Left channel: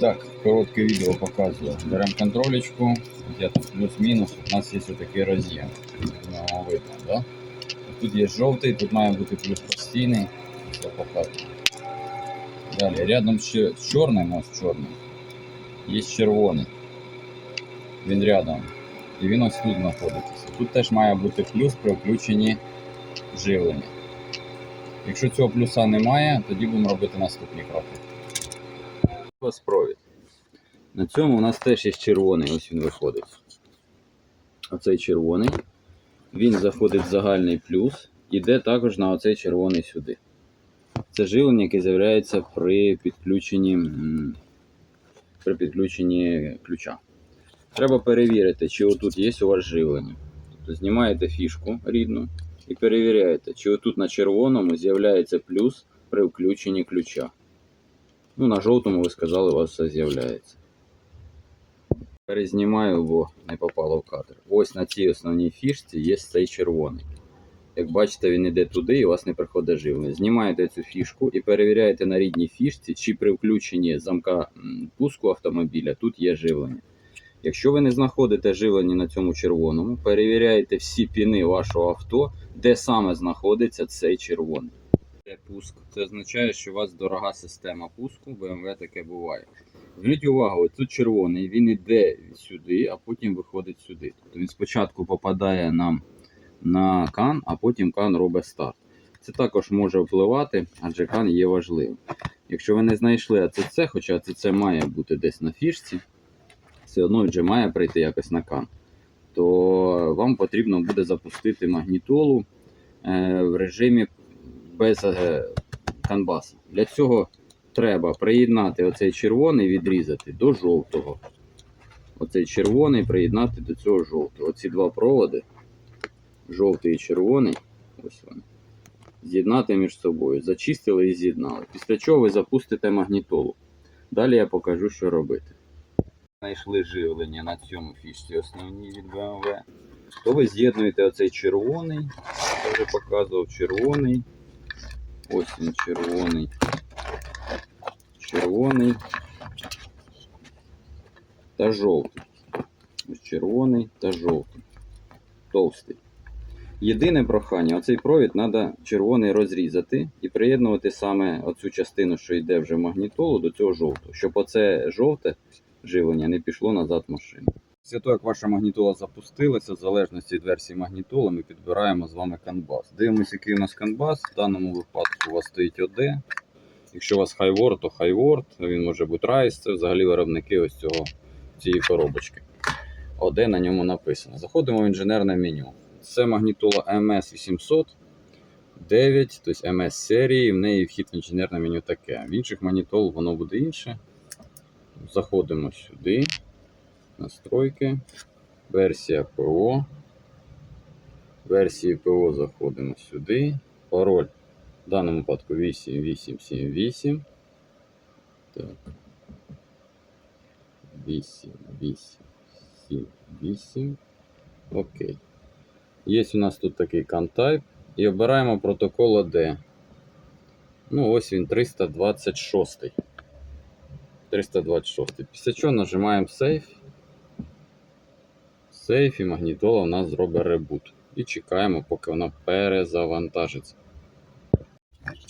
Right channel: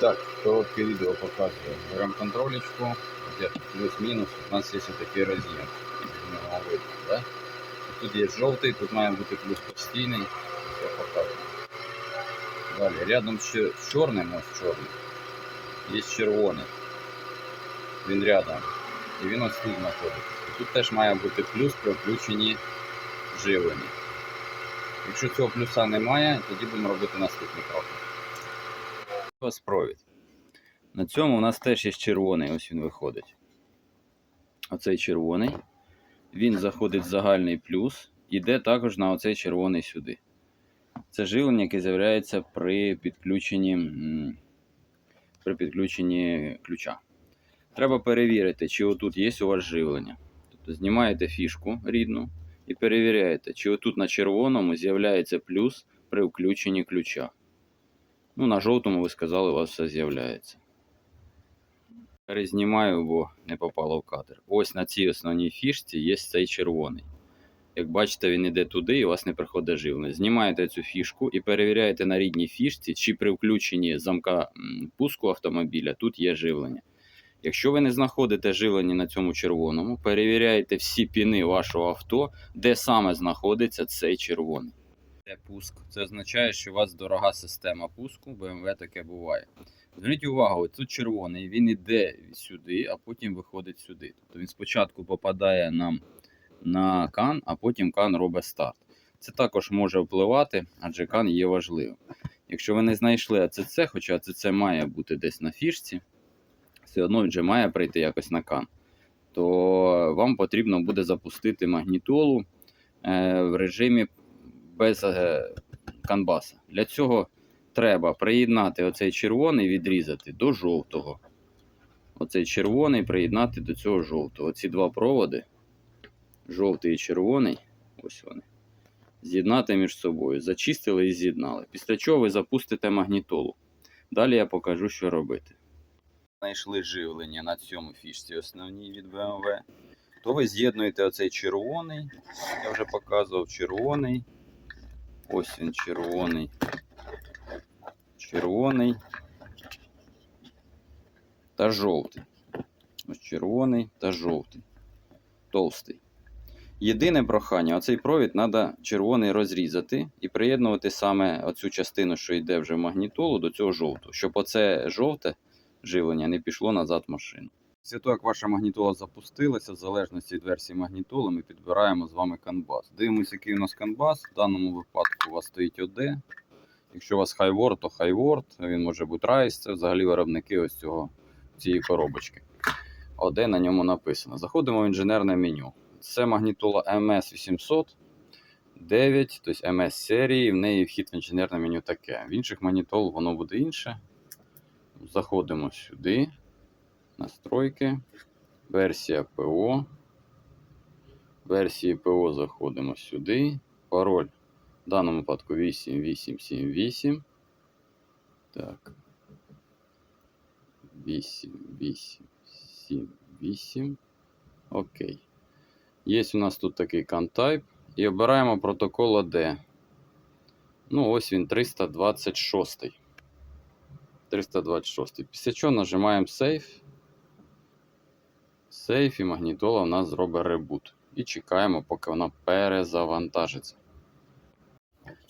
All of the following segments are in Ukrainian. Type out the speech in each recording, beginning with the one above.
Так, коротке відео показую. Беремо контролечку, плюс-мінус, у нас є такий роз'єм. Да? Тут є жовтий, тут має бути плюс постійний. Далі, рядом ще з чорним, ось чорним, є червоний. Він рядом. І він ось тут знаходиться. Тут теж має бути плюс при включенні живлення. Якщо цього плюса немає, тоді будемо робити наступні кроки. Ось провід. На цьому у нас теж є червоний, ось він виходить. Оцей червоний. Він заходить в загальний плюс, іде також на оцей червоний сюди. Це живлення, яке з'являється при підключенні, при підключенні ключа. Треба перевірити, чи отут є у вас живлення. Тобто знімаєте фішку рідну і перевіряєте, чи отут на червоному з'являється плюс при включенні ключа. Ну, на жовтому ви сказали, у вас все з'являється. Перезнімаю, бо не попало в кадр. Ось на цій основній фішці є цей червоний. Як бачите, він іде туди і у вас не приходить живлення. Знімаєте цю фішку і перевіряєте на рідній фішці, чи при включенні замка пуску автомобіля тут є живлення. Якщо ви не знаходите живлення на цьому червоному, перевіряєте всі піни вашого авто, де саме знаходиться цей червоний. Це пуск. Це означає, що у вас дорога система пуску, BMW таке буває. Зверніть увагу, тут червоний, він іде сюди, а потім виходить сюди. Тобто він спочатку попадає нам на кан, а потім кан робить старт. Це також може впливати, адже кан є важливим. Якщо ви не знайшли АЦЦ, хоча АЦЦ має бути десь на фішці, все одно вже має прийти якось на кан, то вам потрібно буде запустити магнітолу е, в режимі без е, канбаса. Для цього треба приєднати оцей червоний, відрізати до жовтого. Оцей червоний приєднати до цього жовтого. Оці два проводи, жовтий і червоний, ось вони. З'єднати між собою. Зачистили і з'єднали. Після чого ви запустите магнітолу. Далі я покажу, що робити. Знайшли живлення на цьому фішці основній від BMW. То ви з'єднуєте оцей червоний. Я вже показував червоний. Ось він червоний. Червоний та жовтий. Ось червоний та жовтий. Товстий. Єдине прохання, оцей провід треба червоний розрізати і приєднувати саме оцю частину, що йде вже в магнітолу, до цього жовтого, щоб оце жовте живлення не пішло назад в машину. Після того, як ваша магнітола запустилася, в залежності від версії магнітоли, ми підбираємо з вами канбас. Дивимося, який у нас канбас. В даному випадку у вас стоїть ОД. Якщо у вас хайворд, то хайворд, він може бути райс, це взагалі виробники ось цього, цієї коробочки. ОД на ньому написано. Заходимо в інженерне меню. Це магнітола MS800 9, тобто MS серії, в неї вхід в інженерне меню таке. В інших магнітол воно буде інше. Заходимо сюди. Настройки. Версія ПО. Версії ПО заходимо сюди. Пароль в даному випадку 8878. Так. 8878. Окей. Є у нас тут такий CanType. І обираємо протокол AD. Ну, ось він 326. 326. Після чого нажимаємо Save. Сейф і магнітола у нас зробить ребут. І чекаємо, поки вона перезавантажиться.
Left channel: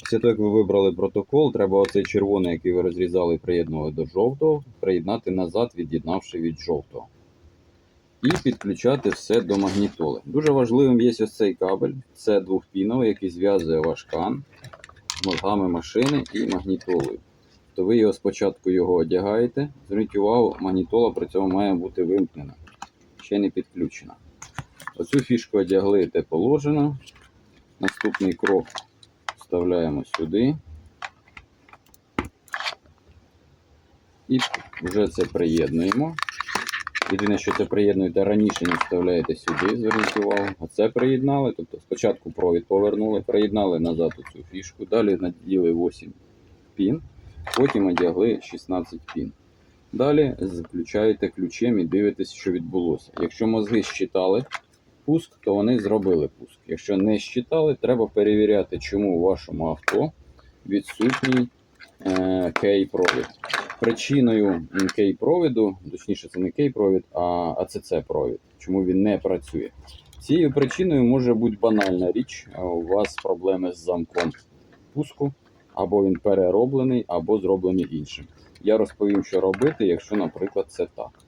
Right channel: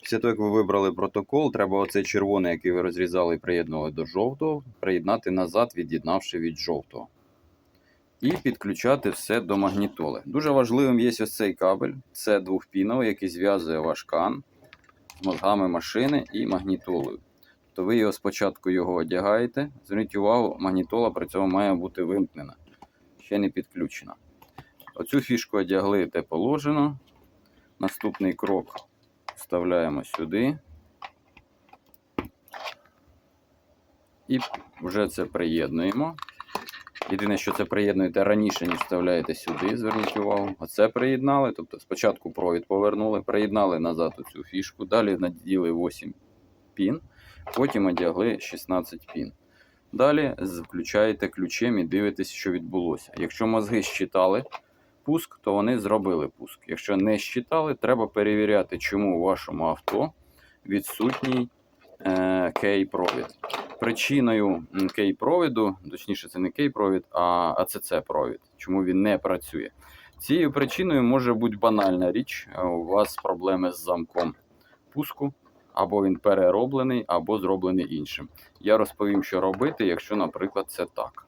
Після того, як ви вибрали протокол, треба оцей червоний, який ви розрізали і приєднували до жовтого, приєднати назад, від'єднавши від жовтого. І підключати все до магнітоли. Дуже важливим є ось цей кабель. Це двохпіновий, який зв'язує ваш кан з мозгами машини і магнітолою. То ви його спочатку його одягаєте. Зверніть увагу, магнітола при цьому має бути вимкнена, ще не підключена. Оцю фішку одягли те положено. Наступний крок вставляємо сюди. І вже це приєднуємо. Єдине, що це приєднуєте раніше, ніж вставляєте сюди, зверніть увагу. Оце приєднали. Тобто спочатку провід повернули, приєднали назад цю фішку, далі наділи 8 пін, потім одягли 16 пін. Далі включаєте ключем і дивитесь, що відбулося. Якщо мозги щитали пуск, то вони зробили пуск. Якщо не щитали, треба перевіряти, чому у вашому авто відсутній е, кей-провід. причиною кей-провіду, точніше, це не кей-провід, а АЦЦ-провід. Чому він не працює? Цією причиною може бути банальна річ. е, У вас проблеми з замком пуску, або він перероблений, або зроблений іншим. Я розповім, що робити, якщо, наприклад, це так.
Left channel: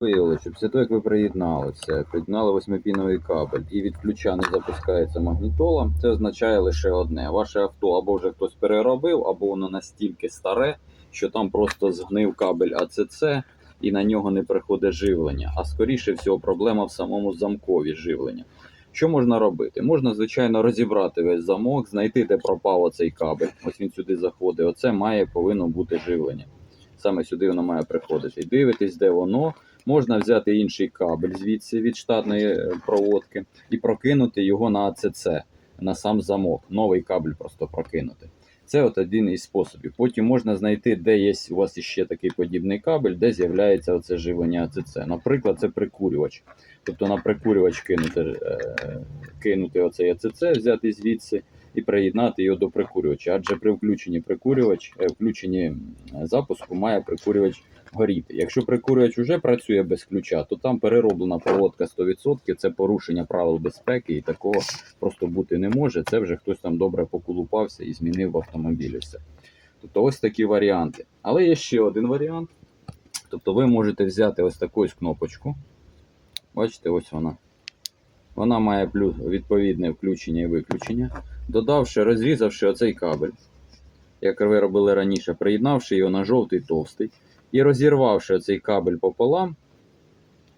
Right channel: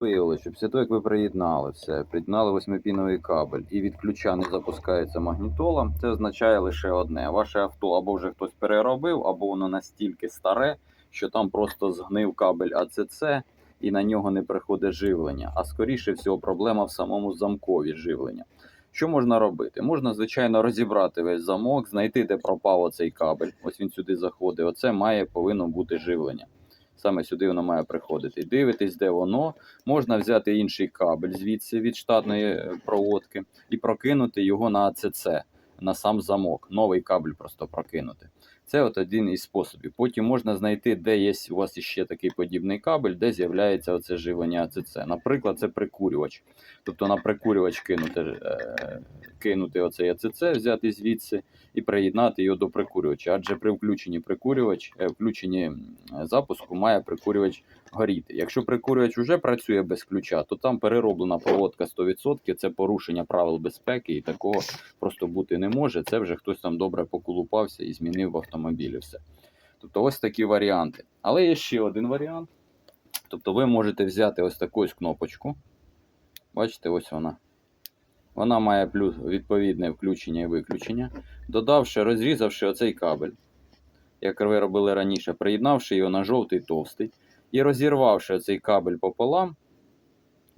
Виявили, що після того, як ви приєднали це, приєднали восьмипіновий кабель і від ключа не запускається магнітола, це означає лише одне: ваше авто або вже хтось переробив, або воно настільки старе, що там просто згнив кабель АЦЦ і на нього не приходить живлення. А скоріше всього, проблема в самому замкові живлення. Що можна робити? Можна, звичайно, розібрати весь замок, знайти, де пропав оцей кабель. Ось він сюди заходить. Оце має повинно бути живлення. Саме сюди воно має приходити. Дивитись, де воно. Можна взяти інший кабель звідси від штатної е, проводки і прокинути його на АЦЦ, на сам замок. Новий кабель просто прокинути. Це от один із способів. Потім можна знайти, де є у вас ще такий подібний кабель, де з'являється оце живлення АЦЦ. Наприклад, це прикурювач. Тобто на прикурювач кинути, е, кинути оцей АЦЦ, взяти звідси і приєднати його до прикурювача. Адже при включенні прикурювач, е, включенні запуску має прикурювач горіти. Якщо прикурювач вже працює без ключа, то там перероблена проводка 100%, це порушення правил безпеки і такого просто бути не може. Це вже хтось там добре поколупався і змінив в автомобілі все. Тобто ось такі варіанти. Але є ще один варіант. Тобто ви можете взяти ось таку ось кнопочку. Бачите, ось вона. Вона має відповідне включення і виключення. Додавши, розрізавши оцей кабель, як ви робили раніше, приєднавши його на жовтий товстий і розірвавши цей кабель пополам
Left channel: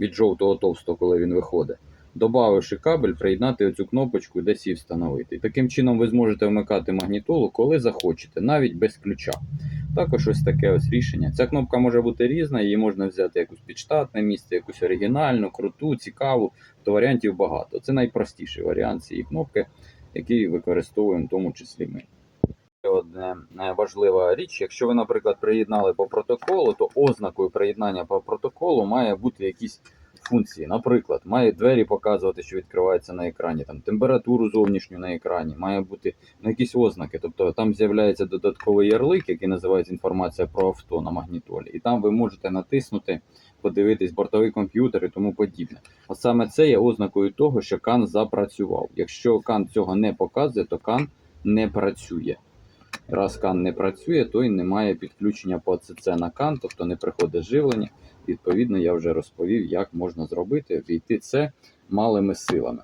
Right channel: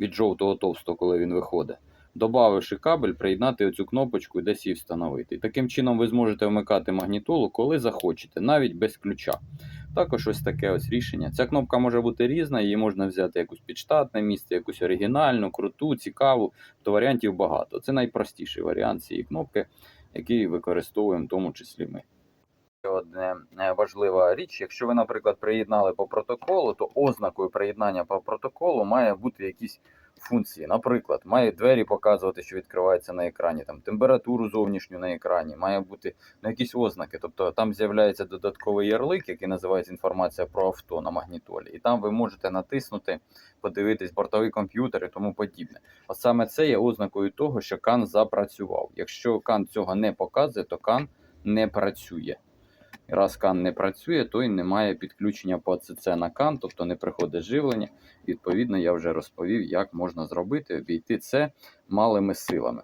від жовтого товстого, коли він виходить, додавши кабель, приєднати оцю кнопочку і десь її встановити. І таким чином ви зможете вмикати магнітолу, коли захочете, навіть без ключа. Також ось таке ось рішення. Ця кнопка може бути різна, її можна взяти якусь підштатне місце, якусь оригінальну, круту, цікаву, то варіантів багато. Це найпростіший варіант цієї кнопки, який використовуємо в тому числі ми. Одне е, важлива річ, якщо ви, наприклад, приєднали по протоколу, то ознакою приєднання по протоколу має бути якісь функції. Наприклад, має двері показувати, що відкривається на екрані, там температуру зовнішню на екрані, має бути ну, якісь ознаки. Тобто там з'являється додатковий ярлик, який називається інформація про авто на магнітолі, і там ви можете натиснути, подивитись бортовий комп'ютер і тому подібне. От саме це є ознакою того, що кан запрацював. Якщо кан цього не показує, то кан не працює. Раз кан не працює, то й немає підключення по АЦЦ на кан, тобто не приходить живлення. Відповідно, я вже розповів, як можна зробити, обійти це малими силами.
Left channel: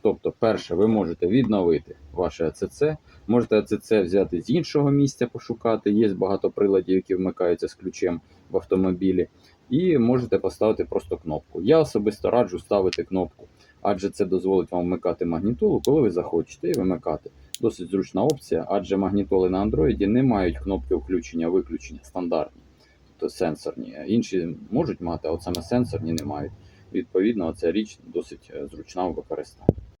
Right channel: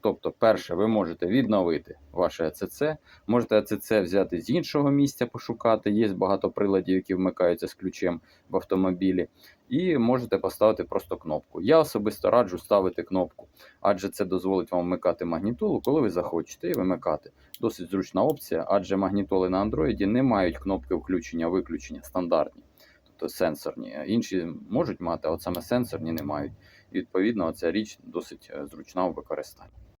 Тобто, перше, ви можете відновити ваше АЦЦ, можете АЦЦ взяти з іншого місця, пошукати. Є багато приладів, які вмикаються з ключем в автомобілі, і можете поставити просто кнопку. Я особисто раджу ставити кнопку, адже це дозволить вам вмикати магнітолу, коли ви захочете, і вимикати. Досить зручна опція, адже магнітоли на Android не мають кнопки включення-виключення стандартні, тобто сенсорні. Інші можуть мати, а от саме сенсорні не мають. І, відповідно, ця річ досить е, зручна у використанні.